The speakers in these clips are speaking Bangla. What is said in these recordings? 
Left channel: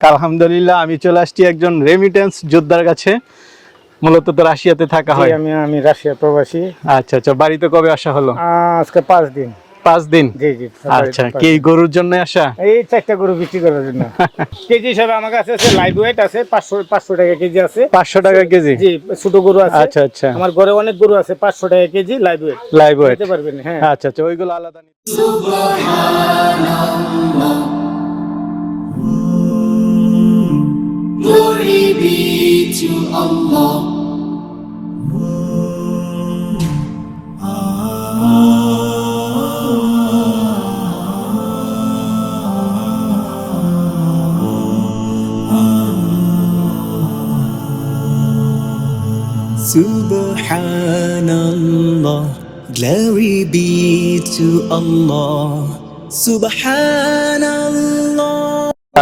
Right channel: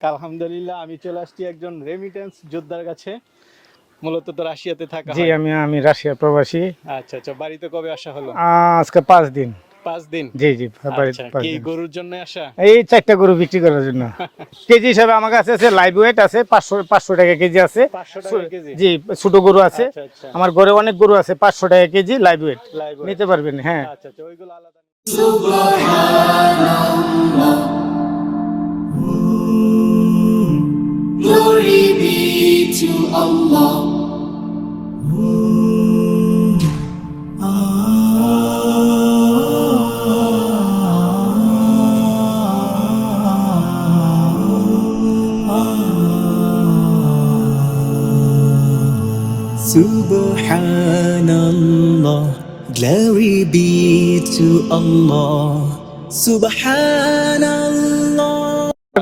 আলহামদুলিল্লাহ আমি চলে আসছি একজন রেমিটেন্স যোদ্ধার কাছে। মূলত তো রাশিয়াতে থাকা হয়। আমি রাশিয়ার প্রবাসী। আচ্ছা আচ্ছা, বাড়িতে কবে আসা হলো? আজকে 5 দিন। 5 দিন? জি জি। আচ্ছা, কি গরুর জন্য আসা? এই 4টা গরু বিক্রি করার জন্য। কেজি হিসাবে আমার কাছে আছে, লাইভ ওয়েট আছে 500 টাকা কেজি আছে। 500 টাকা কেজি? জি, ছোট গরু আছে। আচ্ছা আচ্ছা, আমার গরু অনেক গরু আছে 500 টাকা KG live weight. Live weight নিতে পারবেন? হ্যাঁ। আচ্ছা আচ্ছা, ওইগুলো আলাদা। Glory be to Allah. Subhanallah, glory be to Allah. Subhanallah.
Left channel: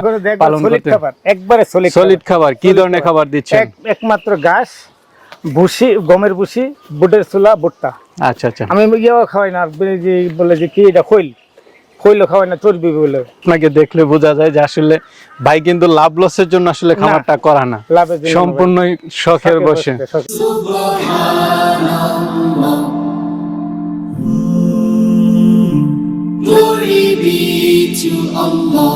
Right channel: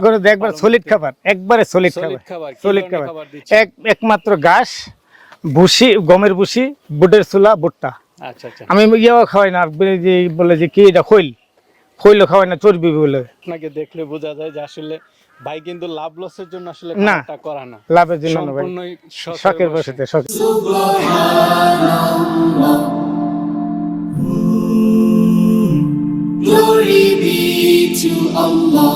করে দেখবেন সলিড খাবার, একবারে সলিড খাবার। কি ধরনের খাবার দিচ্ছেন? একমাত্র ঘাস, ভুসি, গমের ভুসি, বুটের ছোলা, ভুট্টা। আচ্ছা আচ্ছা, আমি ইয়েও খাওয়াই না, বলে যে কি এটা খৈল খাওয়াই না, চর্বি বলে। আপনাকে দেখলে বোঝা যায় যে আসলে ভাই কিন্তু লাভ লসের জন্য আসলে খাবারটা করা না, লাভের জন্য সম্পূর্ণ শখের বসে। Glory be to Allah.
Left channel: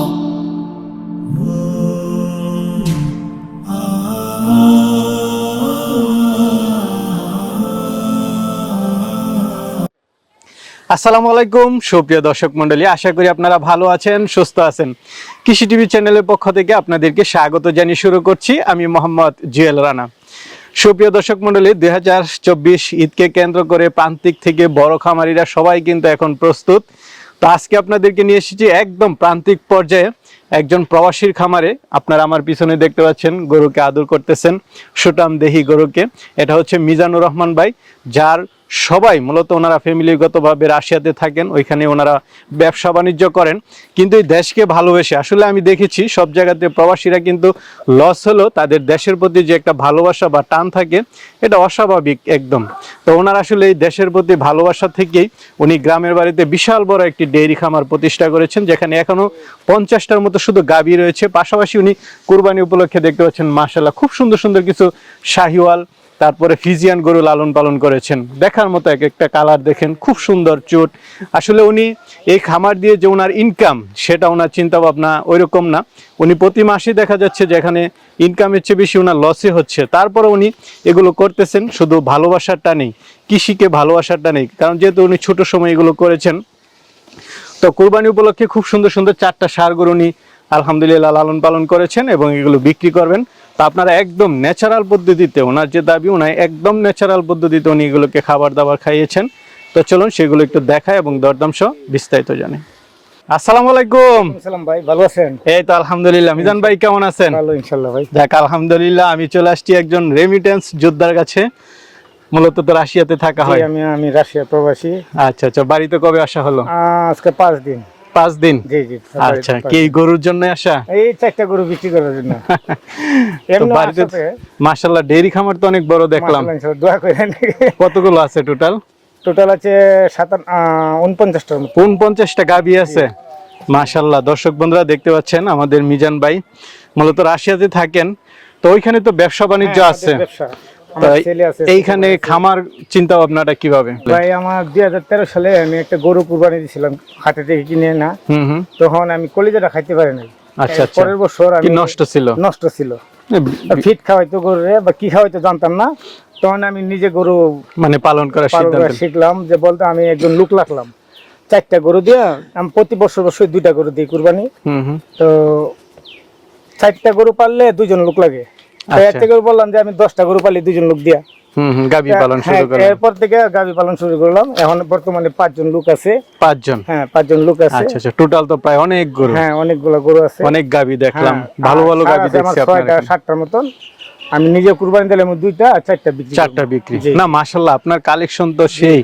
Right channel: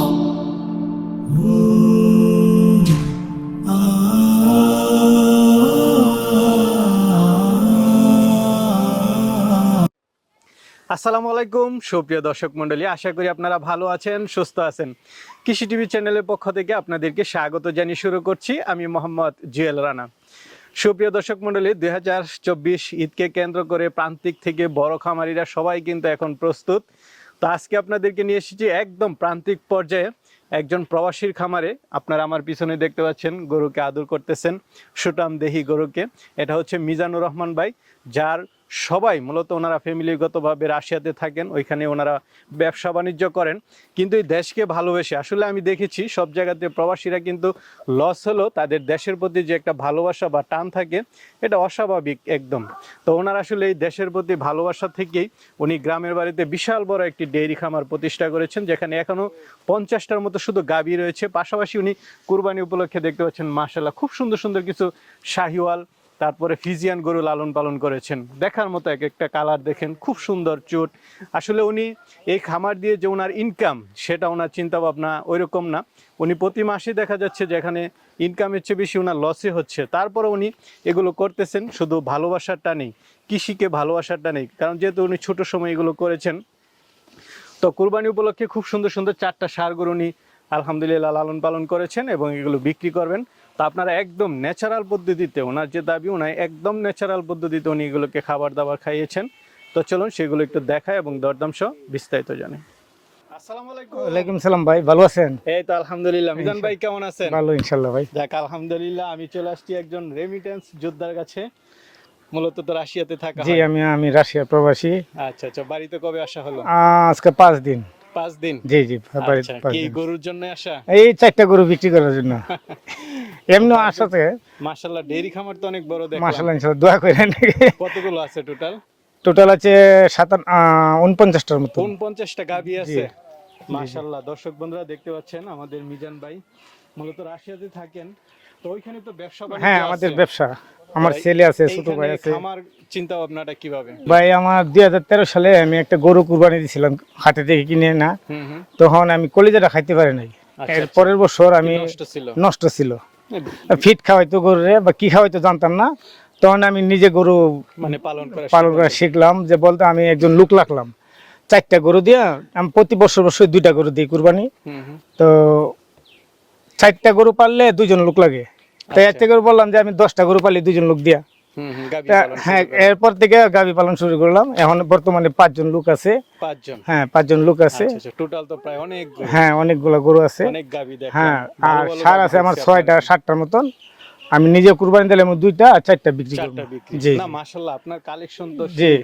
আসসালামু আলাইকুম সুপ্রিয় দর্শক মণ্ডলী, আশা করি আপনারা ভালো আছেন, সুস্থ আছেন। কৃষি টিভি চ্যানেলের পক্ষ থেকে আপনাদেরকে স্বাগত জানিয়ে শুরু করছি আমি মোহাম্মদ জুয়েল রানা। সুপ্রিয় দর্শক মণ্ডলী, 2024 ঈদকে কেন্দ্র করে প্রান্তিক থেকে বড় খামারিরা সবাই কিন্তু এখন প্রস্তুত। তো আজকে আপনাদেরকে নিয়ে এসেছি একদম প্রান্তিক পর্যায়ে একজন প্রবাসীর খামারে। আপনারা আমার পিছনে দেখতে পাচ্ছেন গরুকে আদর করতেছেন, সুটাম দেহি গরুকে। এটা হচ্ছে মিজানুর রহমান ভাই, যার সবাই মূলত ওনারা ফ্যামিলিগতভাবে রাশিয়াতে থাকেন, ওইখানে ওনারা ব্যবসা বাণিজ্য করেন। কিন্তু এই দেশকে ভালোবেসে, আসলে আমি দেখেছি সব জায়গাতে প্রবাসীরা কিন্তু লস হলো তাদের দেশের প্রতি যে একটা ভালোবাসা বা টান থাকে, এটা অস্বাভাবিক একদম। তো ওনারা আসলে এই দেশের প্রতি ভালোবাসা থেকেই উনি গ্রামের বাড়িতে বিশাল বড় একটি ডেইরি খামার প্রতিষ্ঠা করেছেন, যেখানে এখনো 50টার মতো শুধু গাভী রয়েছে। পাশাপাশি উনি কুরবানি উপলক্ষে দেখতে পাচ্ছেন মাশাআল্লাহ খুব সুন্দর সুন্দর কিছু শাহিওয়াল, তারপরে ফিজিয়ান গরু লালন পালন করেছেন। দেখার মতো এক একটা কালার দেখেন, খুব সুন্দর চুট। আসলে উনি এই খামার দিয়ে যে ওনার ইনকাম, সেটা ওনার চিন্তা ভাবনা ওইরকম না। উনি প্রতি মাসে দেখা যাচ্ছে যে এখানে ইনকামের চেয়ে বেশি ওনার লসই হচ্ছে, তারপরে উনি এগুলো করতেছেন শুধু ভালোবাসারটা নেই, কৃষিকে ভালোবাসারটা নেই। কারণ যেহেতু উনি ছোট সময় এগুলো করেছেন, তো কুরবানি উপলক্ষে খুব সুন্দর সুন্দর 4টা ষাঁড় গরু উনি আলহামদুলিল্লাহ লালন পালন করেছেন এবং এগুলো বিক্রি করবেন। তো আপনারা একদম ন্যাচারাল পদ্ধতিতে, ওনার যে দাবি, ওনার একদম ন্যাচারাল পদ্ধতিতে উনি এগুলোকে খাবার দাবার খাইয়েছেন। তো চলুন সেগুলো একটু দেখায় এবং দরদাম সহ বিস্তারিত জানি। আসসালামু আলাইকুম। সালাম ভাই, ভালো আছেন? এই তো আলহামদুলিল্লাহ। মিজান ভাই কেমন আছেন? ভালো ইনশাআল্লাহ ভাই। যাক আলহামদুলিল্লাহ, আমি চলে আসছি একজন রেমিটেন্স যোদ্ধার কাছে। মূলত তো রাশিয়াতে থাকা হয়। আমি রাশিয়ার প্রবাসী। আচ্ছা আচ্ছা, বাড়িতে কবে আসা হলো? আজকে 5 দিন। 5 দিন? জি জি। আচ্ছা, কি গরুর জন্য আসা? এই 4টা গরু বিক্রি করার জন্য। এমনি আসলে মাশাআল্লাহ ডেইরি খামার তো অনেক বড় দেখলাম। মাশাআল্লাহ ইনশাআল্লাহ দোয়া করেন। কতগুলো আছে টোটাল? টোটাল আছে 49টার মতো। 49টা গাভী আছে। মাশাআল্লাহ, দর্শক বন্ধুরা দেখতে পাচ্ছেন আমাদের মিজান ভাই মূলত রাশিয়াতে থাকেন। তো ওইখানে তো ব্যবসা বাণিজ্য আছে। ব্যবসা আমার ছেলে আছে। এইখানে খামার চিন্তা ভাবনাটা কিভাবে? ভাই আমার 2013 সালে আমি একটা গরু কুরবানি দিয়েছিলাম হাটে থেকে কিনে না। তখন আমি কলিজাটা খাইতে পারি নাই। আচ্ছা আচ্ছা, পরের বছর আমি নষ্ট ছিল। ফিট খাওয়াইতো গরুরে বা কি খাওয়াইতো জানতাম না। তখন আমি নিজে গরু মানে পালন করা শিখলাম। যে বলতে আমি একজন লোক রাখলাম, 4টা গরু দিয়ে আমি প্রতি বছর 2টা গরু দিই কুরবানি। তো 4টা গরু পাললে 2জন লোক লাগে। এর থেকে বললাম যে আমি 10টা গরু পালি 2জন লোক দিয়া গাভী পালন শুরু করলাম। এরপর থেকে গাভী পালন শুরু করলাম। এখন বর্তমানে 5জন লোক আছে। 5জন? হ্যাঁ, 5জন লোক আছে। আচ্ছা আচ্ছা, টোটাল তো প্রায় অনেক গরু। হ্যাঁ, অনেকগুলো গরু আছে, অনেক গাভী দেখলাম, ভালো ভালো গাভী গাভী দেখছি। 6টা 7টার মতন আমি নিজে কুরবানি দিলাম, 2টা আর 4টা বিক্রি। না মাশাআল্লাহ, আপনার কালেকশন তো সেই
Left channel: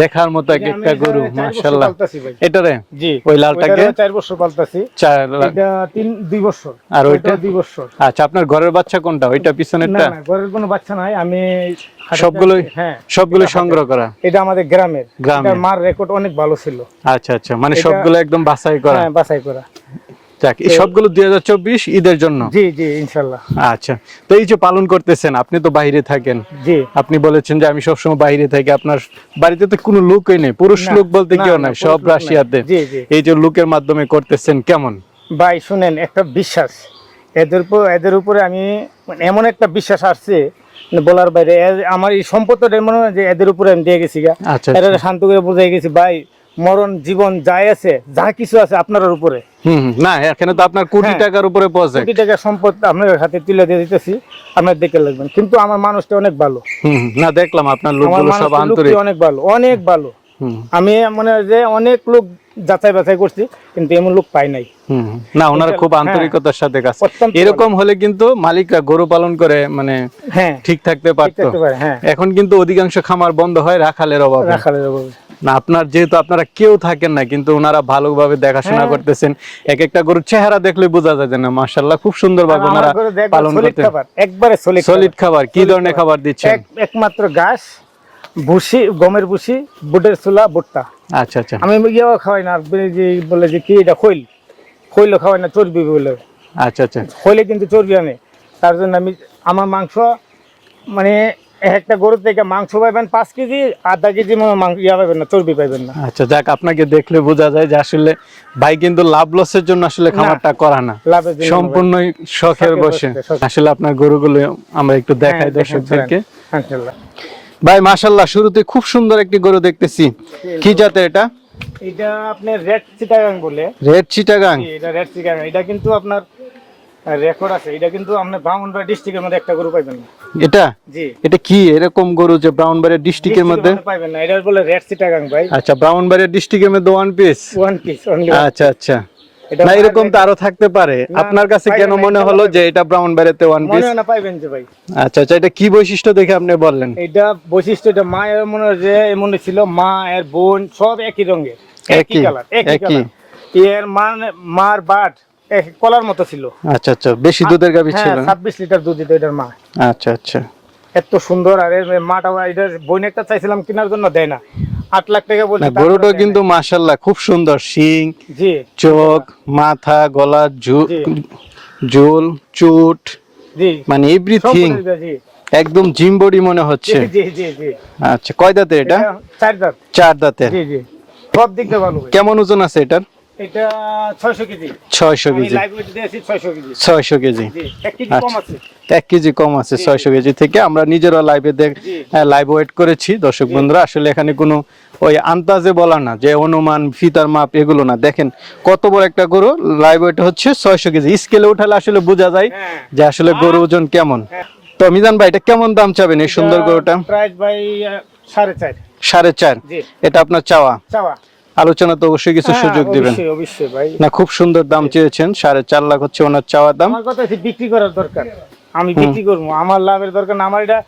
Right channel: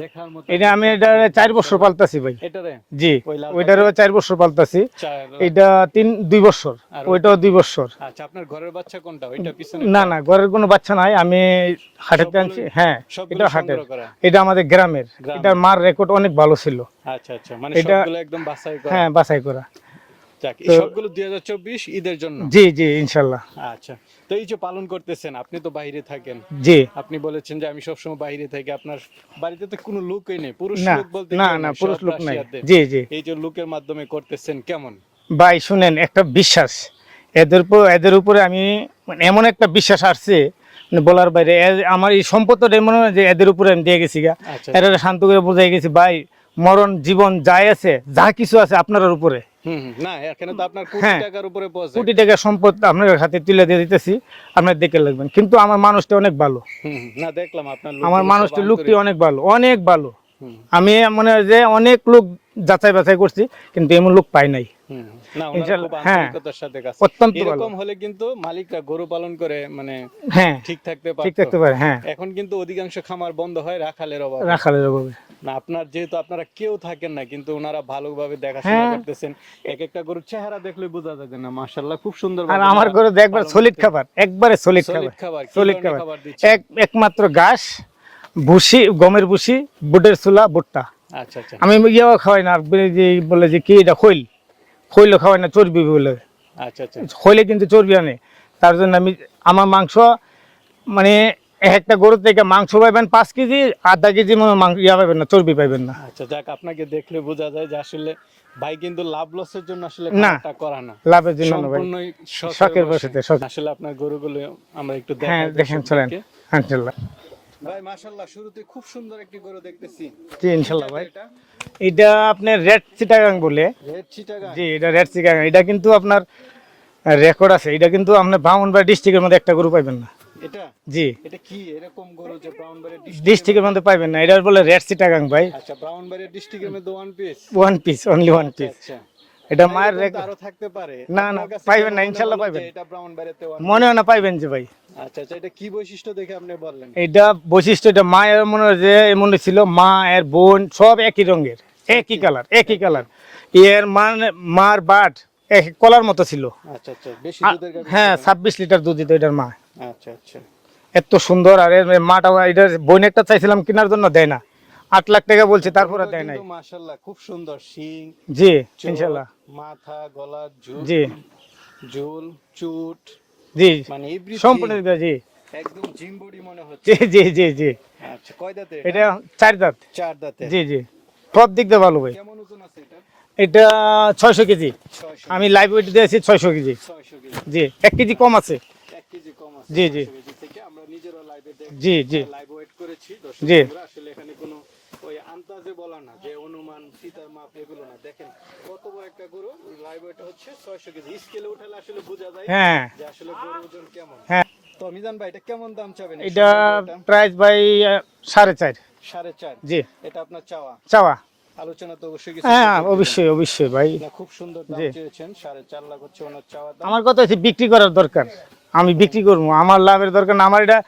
দেখার মতো। আমি এটা 4 বছর পালতাছি ভাই। এটারে? জি, ওই লালটাকে 4 বছর পালতাছি। এটা 2 বছর আর ওইটা 2 বছর। আচ্ছা, আপনার ঘরের বাচ্চা কোনটা? ওইটা পিছনেরটা? না না, ঘরের কোনো বাচ্চা নাই। আমি সবগুলো সংগ্রহ করা। এটা আমাদের গ্রামের। এটার মার রেকর্ড অনেক ভালো ছিল। আচ্ছা আচ্ছা, মানে সবগুলো একদম বাছাই করা? হ্যাঁ, বাছাই করা। যাক, এই সবগুলো 2024 ঈদের জন্য। জি জি ইনশাল্লাহ। আচ্ছা, তো এই যে পালন করতেছেন, আপনি তো বাইরে থাকেন, জি আপনি বলেছেন যে আমি সবসময় বাইরে থাকি, আপনার বাড়িতে তো কোনো লোকই নেই, পুরুষ না, লোক বলতে না, কেউ না, নাই, পুরুষ সব লোক নাই। রাশিয়াতে। জি, জি। এই যে লোকের মাধ্যমে করতেছেন, কেমন? ভাই শুনেন, একটা বিশ্বাস এদের উপরে আমি মানে এমন একটা বিশ্বাস আসছে মানে বলার বাইরে। আমার এই সম্পদটা এমন হয় যে এদের উপরে আমি দিয়ে গেছি গা। আচ্ছা, এরা শান্ত করে বুঝাই গেছি ভাই, মরণ জীবন যাই আছে, যা কিছু আছে আপনার উপরে। না, এখানে তো আপনার কোটি হ্যাঁ। টাকার উপরে প্রজেক্ট। কোটি টাকার সম্পদ আপনার হাতে তুলে দিয়ে দিতেছি, আপনার দেখে লাগবেন। কিন্তু আমার মানুষটা অনেক ভালো, না, দেখলাম আপনার আমার লোকগুলো সব মানুষটা আন্তরিক। অনেক ভালো, অনেক ভালো। হুম, আমি মনে হয় যে অনেক লোক যাচাই বাছাই করছি, কিন্তু এমন লোক পাই নাই। না, ওনারা এটা- খুব হ্যাঁ, আন্তরিকতার সাথে কাজ। অত্যন্ত এরকম হলে কিন্তু মালিকরা গরু পালন করে মানে হ্যাঁ ঠিক থাকতে ঠিক পারতো। থাকতে পারে, হ্যাঁ এখন কিন্তু অধিকাংশ খামার বন্ধ হয় রাখালের অভাবে। রাখালের অভাবে। না, আপনার যেহেতু আপনারা কেউ থাকেন না, কিন্তু ওনারা ভালোভাবে দেখাশোনা হ্যাঁ। করতেছেন। এক একটা গরুর চেহারা দেখলে বোঝা যায় যে না, মাশাআল্লাহ, খুব সুন্দর আর ভাবে আমার ওনারা ঘরে দেখবেন পালন সলিড করতেন। খাবার, একবারে সলিড সলিড খাবার কি ধরনের খাবার দিচ্ছেন? একমাত্র ঘাস, ভুসি, গমের ভুসি, বুটের ছোলা, ভুট্টা। আচ্ছা আচ্ছা আমি ইয়েও খাওয়াই না, যে বলে যে কি এটা খৈল খাওয়াই না, চর্বি বলে। আচ্ছা আচ্ছা খৈলে কিন্তু চর্বি আনে, তার জন্য আমার মাংস মানে একটা গরু থেকে মাংস পাইবেন 5 কেজি, আধা কেজি মাংস পাইবেন না, চর্বি পাইবেন না। আচ্ছা, যাক, আপনাকে দেখলে বোঝা যায় যে আসলে ভাই কিন্তু লাভ লসের জন্য আসলে খামারটা করা না, লাভের জন্য সম্পূর্ণ শখের শখের বসে। বশে, শখ। আসলে আপনার গরুগুলো আমরা একটু দেখাই হ্যাঁ, দর্শকদেরকে। ইনশাআল্লাহ। ভাই মাশাআল্লাহ, শুরুতে খুব সুন্দর একটি গরু দেখতেছি। কি জাতের এটা? এটা আপনার রেড চিটাগাং বলে। রেড চিটাগাং। জি, এটা রেড চিটাগাং। এটা কিন্তু আপনার রেকর্ড আছে। এটা কিন্তু আপনি ব্রাহ্মণবাড়িয়া ডিস্ট্রিক্টের মধ্যে একটা গরু পাইবেন না। এটা জি, এটা কি এরকম গরু যে ব্রাউনবাড়িয়া ডিস্ট্রিক্টের ডিস্ট্রিক্টের মধ্যে? মধ্যে পাইবেন না। এটা বলে রেড চিটাগাং ভাই। আচ্ছা, ব্রাউনবাড়িয়া ডিস্ট্রিক্টের মধ্যে one piece. One piece only. আচ্ছা আচ্ছা, এটা না এরকম তো আরো থাকতে পারে। না, আপনার কাছে পাইবেন কেন না, মনে ইনশাআল্লাহ হলো যে পাইবেন। এটা ব্রাউনবাড়িয়াতে ওয়ান মনে পিস? হয় না পাইবেন যে ভাই। আচ্ছা আচ্ছা, এটা কি বৈশিষ্ট্য দেখে আপনি বললেন? এটা বৈশিষ্ট্য, এটা মায়ের মনে হয় যে মনে ছিল, মা এর বোন সব একই রঙের, একই একই, কালার, একই একই। কালার। এর মার বাট এক কলার মতো ছিল। আচ্ছা আচ্ছা, বেশি দুধের গাভী ছিল হ্যাঁ, না? 26 লিটার দুধ দিত এটার মা। আচ্ছা আচ্ছা, এত সুন্দর। আর এর মাটা, এটার বোনেরটা চাইছিলাম কেনার জন্য, দেয় না। 8 লাখ টাকা বলছি, না, গরুটা কিন্তু মাশাআল্লাহ খুব সুন্দর, শিং, জি চোখ, মাথা, গলা, জি। ঝোল, চুট, জি মানে সব এভরিথিং বলে দিবে, জি একদম জিম বডি মনে হচ্ছে। জি জি জি জি। আচ্ছা, কয় দাঁতের এটা? এটা 4 দাঁত। 4 দাঁতের। জি জি, সব দিক দিয়ে ভালো ভাই। কেমন ওজন আছে এটার? এটা 600 কেজি। 600 আমি কেজি। লাইভ ওয়েট দিয়েছি 600 কেজি। 600 কেজি। জি, 1 কেজি কম আছে। 1 কেজি কম আছে জি, 600 কেজি থেকে। আমরা নিজেরা লাইভে জি, জি। লাইভ ওয়েট করেছি দর্শক জি। বন্ধুরা। আসলে এখানে কোনো ওই আন্দাজে বলা না যে অনুমান, ফিতার মাপ এগুলো না। দেখেন কত বড় একটা গরু, লাইভ ওয়েট হচ্ছে 600 কেজি। স্কেলে উঠালে আসলে বোঝা যায় হ্যাঁ যে আসলে গরু ওজন কেমন। হ্যাঁ। তো মিজান ভাই, এটা কেমন দাম চাবেন এই সুন্দর গরুটা? প্রাইস ভাই 4.5। 4.5। জি, এটা আপনার চাওয়া, চাওয়া। আলোচনা তো অবশ্যই কিছু হ্যাঁ, সুযোগ দিবেন। অবশ্যই অবশ্যই ভাই। না, খুব সুন্দর দাম চেয়েছেন। 4.5 লাখ হচ্ছে ওনার চাওয়া দাম। আমার কথা হচ্ছে বিক্রি করার দরকার, আমি বিক্রি করবো, আমার লাভের দরকার না। আমার এটা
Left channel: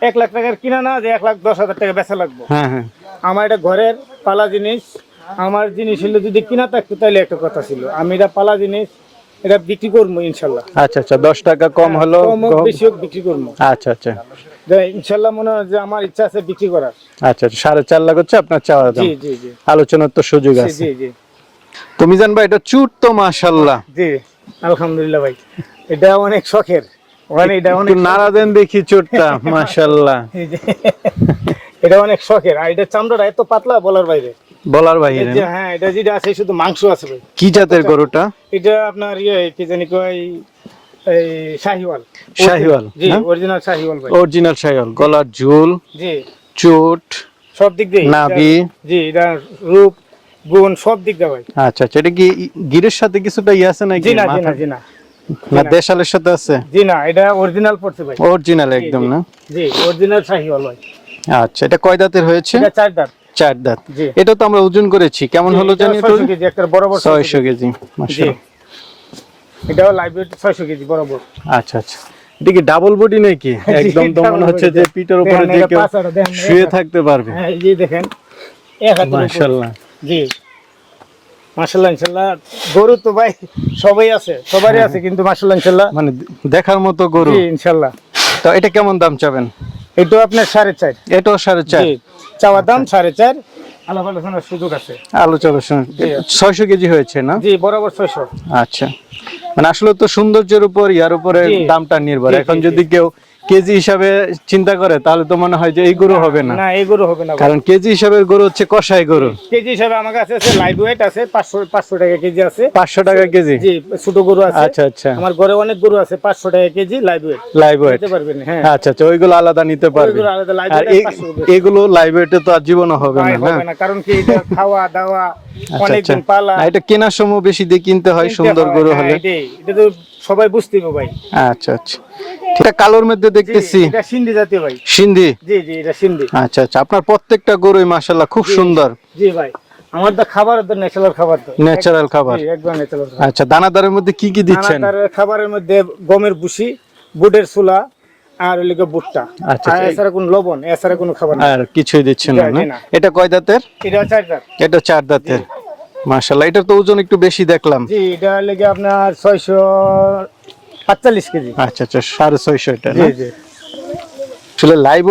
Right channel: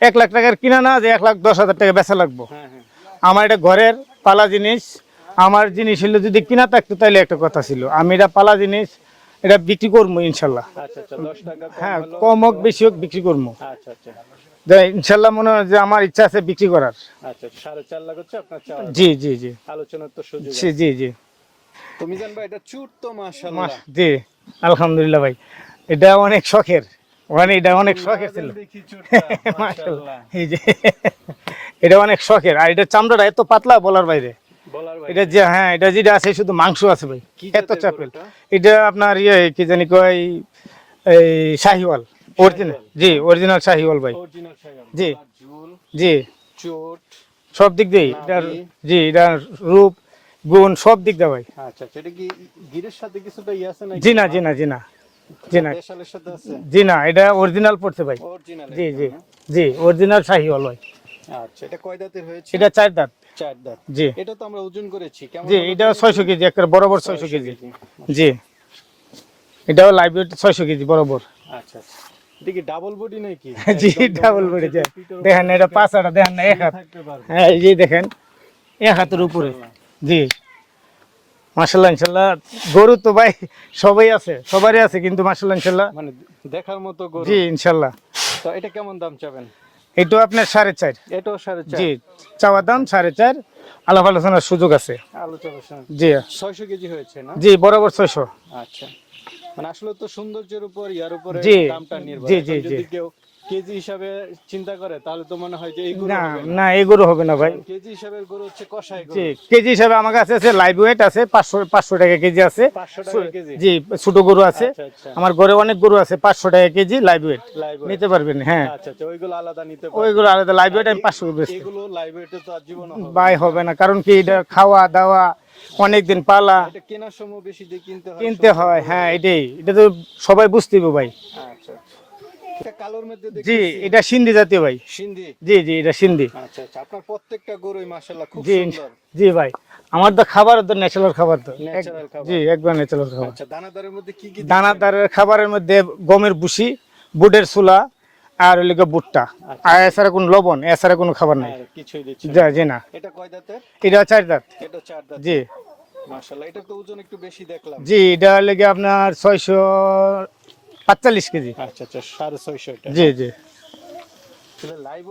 1 লাখ টাকার কিনা না যে 1,10,000 টাকা বেচা লাগবো। হ্যাঁ হ্যাঁ, আমার এটা ঘরের পালা জিনিস। আমার জিনিস হলে যদি কিনা থাকতো তাহলে একটা কথা ছিল। আমি এটা পালা জিনিস, এটা বিক্রি করবো ইনশাল্লাহ। আচ্ছা আচ্ছা, 10 টাকা কম হলো। কম হোক বেশি হোক বিক্রি করবো। আচ্ছা আচ্ছা যে ইনশাল্লাহ মনে হয় যে আমার ইচ্ছা আছে বিক্রি করার। আচ্ছা, 4.5 লাখ হচ্ছে আপনার চাওয়া দাম। জি জি জি আলোচনার তো সুযোগ জি আছে। জি জি তো মিজান ভাই, এটা চুট তো মাশাআল্লাহ। জি, আলহামদুলিল্লাহ ভাই। এটা অনেক শখের, মানে এটা অনেক একটু নাড়া দেন দেখি চুটটা, মাশাআল্লাহ। এই যে এটা অনেক শখের। আর এটা চামড়াটা এত পাতলা বলার বাইরে। বলার বাইরে। এটা যে হ্যাঁ, এটা যেটা আছে শুধু মাংস আছে ভাই। কি জাতের গরুটা? এটা আপনার কি জানি কয়, এই শাহিওয়াল। শাহিওয়াল, জি, হ্যাঁ? অরিজিনাল শাহিওয়াল ভাই। অরিজিনাল শাহিওয়াল। গলার ঝুল, জি, চুট, সব দিক দিয়ে নাভি। জি, এটা রূপ গুণ সব দিক দিয়ে ভাই। আচ্ছা আচ্ছা, এটা কি গিরের সাথে কিছুটা আছে নাকি? জি না জি না মাথা- জি না না, দেশালের সাথে আছে? জি না, এটা অরিজিনাল পড়ছে ভাই। অরিজিনাল জি, একদম জি, না? জি, অরিজিনাল শাহিওয়াল ভাই। আচ্ছা, এটা কয় দাঁতের হয়েছে? এটা 4 দাঁত। 4 দাঁত। জি, এটা তো আমরা ওজন করেছি, কেমন জি, হলো এটা জানি? 600 কেজি একটা বরাবর 600 কেজি। জি, মাশাআল্লাহ। এটাও লাইভ ওয়েট 600 কেজি বরাবর। আচ্ছা আচ্ছা, এটা কি ডাবল বডি নাকি? একদম তো মনে হচ্ছে যে পিঠের উপরে দেখেন, যে এটা কেউ পাছাটা দেখেন না, শুয়ে এক হাত। থাকতে পারবে। হ্যাঁ, এই যে দেখেন, এক হাতের উপরে। মাশাআল্লাহ। জি, মাশাআল্লাহ ইনশাআল্লাহ। গরু তো ভাই সবাই আছে, সবারই আছে, কিন্তু মাশাআল্লাহ ইনশাআল্লাহ। মানে দেখার মতো গরু। জি ইনশাআল্লাহ। তো এটা কেমন দাম চাবেন? এটা আপনার 4.5। এটাও 4.5। জি, চাওয়া দাম 4.5, আলাপ আলোচনার সুযোগ আছে। আলোচনা জি। 600 কেজি হয়েছে না? জি, বরাবর 600। আচ্ছা, মানে আসলে তো সৌন্দর্যের উপর ইয়ার উপরে জি। দামটা নির্ভর। জি, এখন জি, যদি কেউ কেজি হিসাবে চিন্তা করে তাহলে তো মনে হয় যে এই গরু হবে না, না এই গরু হবে না ভাই। কারণ কেজি হিসাবে গরু হচ্ছে কষাই গরু। কেজি হিসাবে আমার কাছে আছে লাইভ ওয়েট আছে 500 টাকা কেজি আছে। 500 টাকা কেজি? জি, ছোট গরু আছে। আচ্ছা আচ্ছা, আমার ঘরে অনেক গরু আছে 500 টাকা KG live weight. Live weight নিতে পারবেন? হ্যাঁ, আচ্ছা আচ্ছা, ওইগুলো আলাদা নিতে পারবে। ওইগুলো আলাদা লাইভ আর ওয়েট 500 টাকা। এগুলো লাইভ ওয়েটে তো আর জীবনও হবে ভাই না। হবে না, কারণ কি এটা খাওয়া দাওয়া অনেকদিন পালা। এটা কেনার সময় বেশি দিয়ে কিনতে হয় কিনতে সুন্দর হয়, গরু হ্যাঁ, হলে। এটা তো সবাই বুঝতে হবে ভাই। আচ্ছা আচ্ছা, এটা কালোর মধ্যে জি, দেখতেছি এটা সিন্ধি জাতীয় ভাই। সিন্ধি? জি জি, এটা সিন্ধি। আচ্ছা আচ্ছা, আপনার প্রত্যেকটা গরুই মাশাআল্লাহ খুব জি, সুন্দর। জি ভাই, আমার তো খাবার তো ন্যাচারাল খাবার তো। ন্যাচারাল খাবার? জি, একদম ন্যাচারাল খাবার। আচ্ছা, দানাদারের মধ্যে কি কি দিচ্ছেন? দানাদার খাবারের মধ্যে গমের ভুসি, বুটের ছোলা, আর লিগে ভুট্টা। আচ্ছা, আর এছাড়া কোনো লবণ, এছাড়া কোনো খাবার না। আর কিছুই দিচ্ছেন জি, না? জি, না। এটা কয় দাঁতের? এটা 4 দাঁত। এটা 4 দাঁতের। মাশাআল্লাহ, এটা তো ওজন একটু বেশি দেখলাম। জি, এটা লেগে আপনার 645 কেজি। আচ্ছা আচ্ছা, 650 এটা জি না? জি আসলে লাইভ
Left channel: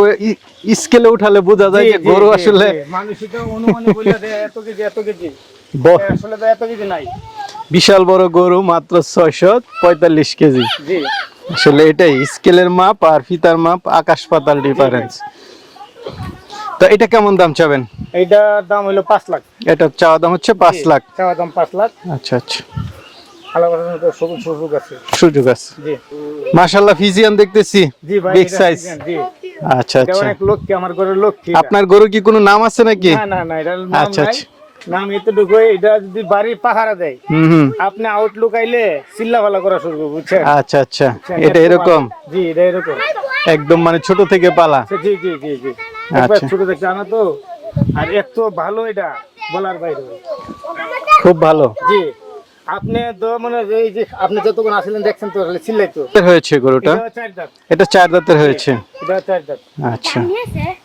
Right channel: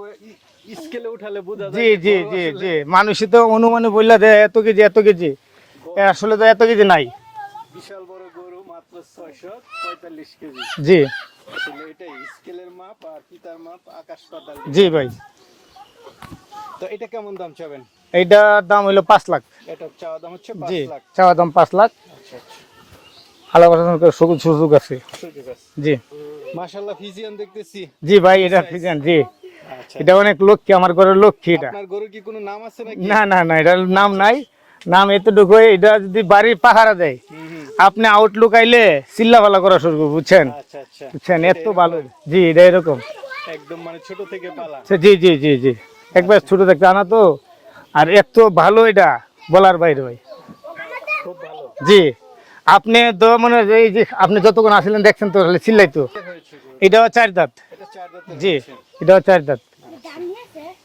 স্কেলে উঠালে বোঝা যায় যে জি, গরু জি, আসলে জি। মানুষই তো অনুমানে বললে দেয় এত কেজি এত কেজি, আসলে তো এত কেজি নাই। বিশাল বড় গরু মাত্র 645 কেজি। জি আসলে এটাই স্কেলের মাপ আর ফিতার মাপ আকাশ পাতাল ডিফারেন্স। তো এটা কেমন দাম চাবেন? এইটার দাম হইলো 5 লাখ। এটা চাওয়া দাম হচ্ছে 5 জি, লাখ। চাওয়া দাম 5 লাখ। আচ্ছা আচ্ছা, আলাদা সুযোগ আছে। সুযোগ আছে। জি মাশাআল্লাহ, ফিজিয়ান দেখতেছি জি ভাই, বিগ এটা সাইজ। ফিজিয়ান, জি আচ্ছা এটা আচ্ছা, অনেক লক্ষ্মী, আমার ঘরের লক্ষ্মী এটা। আপনার গরু কি কোনো নাম আছে নাকি? না না না, এটার নাম আচ্ছা, নাই। আচ্ছা। নাম এতটুকু, এটা যদি বাড়ির পাহারা দেয় হুম হুম, আপনি আউটলুক আইলে চিল্লা ভালো করা শুরু করবো, বুঝছেন? আচ্ছা আচ্ছা, বুঝছেন? এটা এত এরকম ভালো। জি, এটা এরকম একদম মানে ছোট থেকে পালা। জি জি জি জি, একবার আচ্ছা। ছোট দেখতে আনা তো, আর এত ভালো এটা বলার বাইরে ভাই। খুব ভালো জি, আপনি তো মানে এই যে আপনি যতক্ষণ আসলেন দেখছেন তো চিল্লাই তো। হয়েছে গরুটা? এটাও 4 দাঁত। এটা 4 দাঁতের হয়েছে। এটাও 4 দাঁত। আচ্ছা,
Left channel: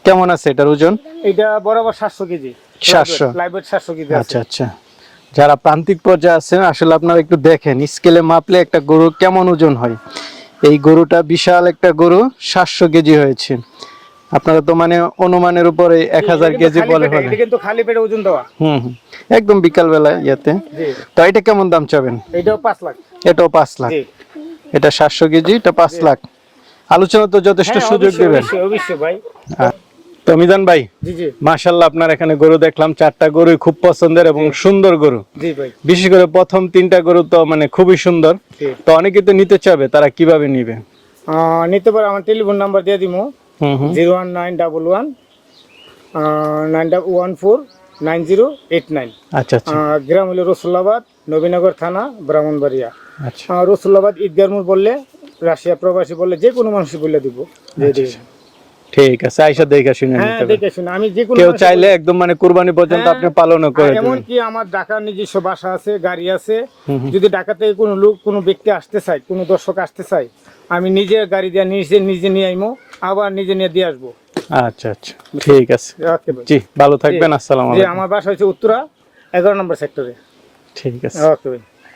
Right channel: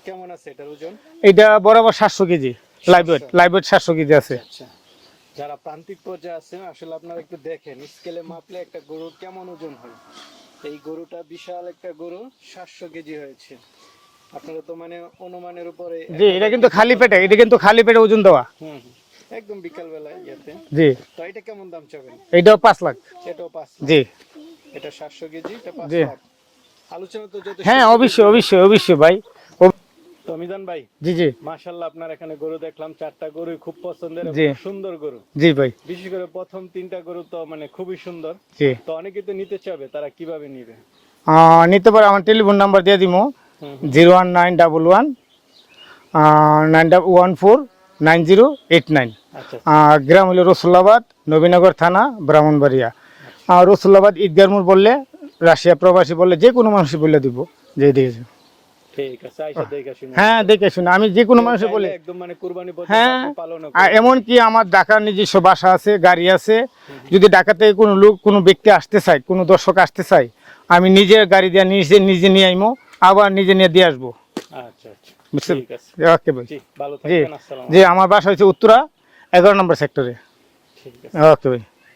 কেমন আছে এটার ওজন? এটা বরাবর 700 কেজি। 700? লাইভ ওয়েট 700 কেজি আছে। আচ্ছা আচ্ছা, যারা প্রান্তিক পর্যায়ে আছেন আসলে আপনারা একটু দেখেন স্কেলে মাপলে একটা গরু কেমন ওজন হয়। এই গরুটা বিশাল একটা গরু, 700 কেজি হয়েছে। আপনারা তো মানে অনুমানের উপরে 1000 এটা কিন্তু কেজি খালি বলে পেটে, ফেলেন। এটা কিন্তু খালি পেটে ওজন দেওয়া। হুম হুম, একদম বিকাল বেলা ইয়াতে। জি, তো এটা কেমন দাম চাবেন? এটাও 5 লাখ। এটাও 5 লাখ? জি, এটা 700 কেজি, এটা 5 জি। লাখ। আলোচনা তো যথেষ্ট হ্যাঁ সুযোগ অবশ্যই দেবেন। অবশ্যই অবশ্যই ভাই। তো মিজান ভাই, জি জি মাশাআল্লাহ, আপনার এখানে গরু দেখলাম 4টা গরুই খুব পছন্দের এবং জি। সুন্দর গরু। জি ভাই। বিশেষ করে প্রথম 3টা গরু তো মানে খুবই সুন্দর। জি, তো অনেকে তো নিতে চাবে, তারা কিভাবে নিবে? নিতে পারে, আমার টেলিফোন নাম্বার দিয়ে দিমু, হুম হুম, 01911 9149089। আচ্ছা আচ্ছা গ্রাম হলো রসুল্লাবাদ, নবীনগর থানা, ব্রাহ্মণবাড়িয়া। আচ্ছা, রসুল্লাবাদ ঈদগার মোড় বললে, রাশিয়া প্রবাসী বললে যে কোনো মানুষ বলে দিব। ঠিক আছে, আইসা দেখে শুনে হ্যাঁ নিতে পারেন। দেখে শুনে আমি যে কোনো কেউ মানুষে চাইলে বলি। একদম মানে কুরবানি পর্যন্ত হ্যাঁ, আপনি পালনও করে আর দিবেন। এমনকি আমার ঢাকার নিজস্ব বাসা আছে, গাড়ি আছে। হুম হুম, যদি ঢাকা থেকে কোনো লোক কোনো ব্যক্তি আসতে চায়, কোনো দর্শক আসতে চায়, আমি নিজের গাড়ি দিয়ে নিজে নিয়ে আইমো, আবার নিজে নিয়ে দিয়ে আসবো। আচ্ছা আচ্ছা, ঠিক আছে। ওকে ভাই। জি, ভালো থাকবেন। আসসালামু জি, আলাইকুম। আমার বাসা হচ্ছে উত্তরা 11 নম্বর সেক্টরে। ঠিক আছে। ওকে ভাই।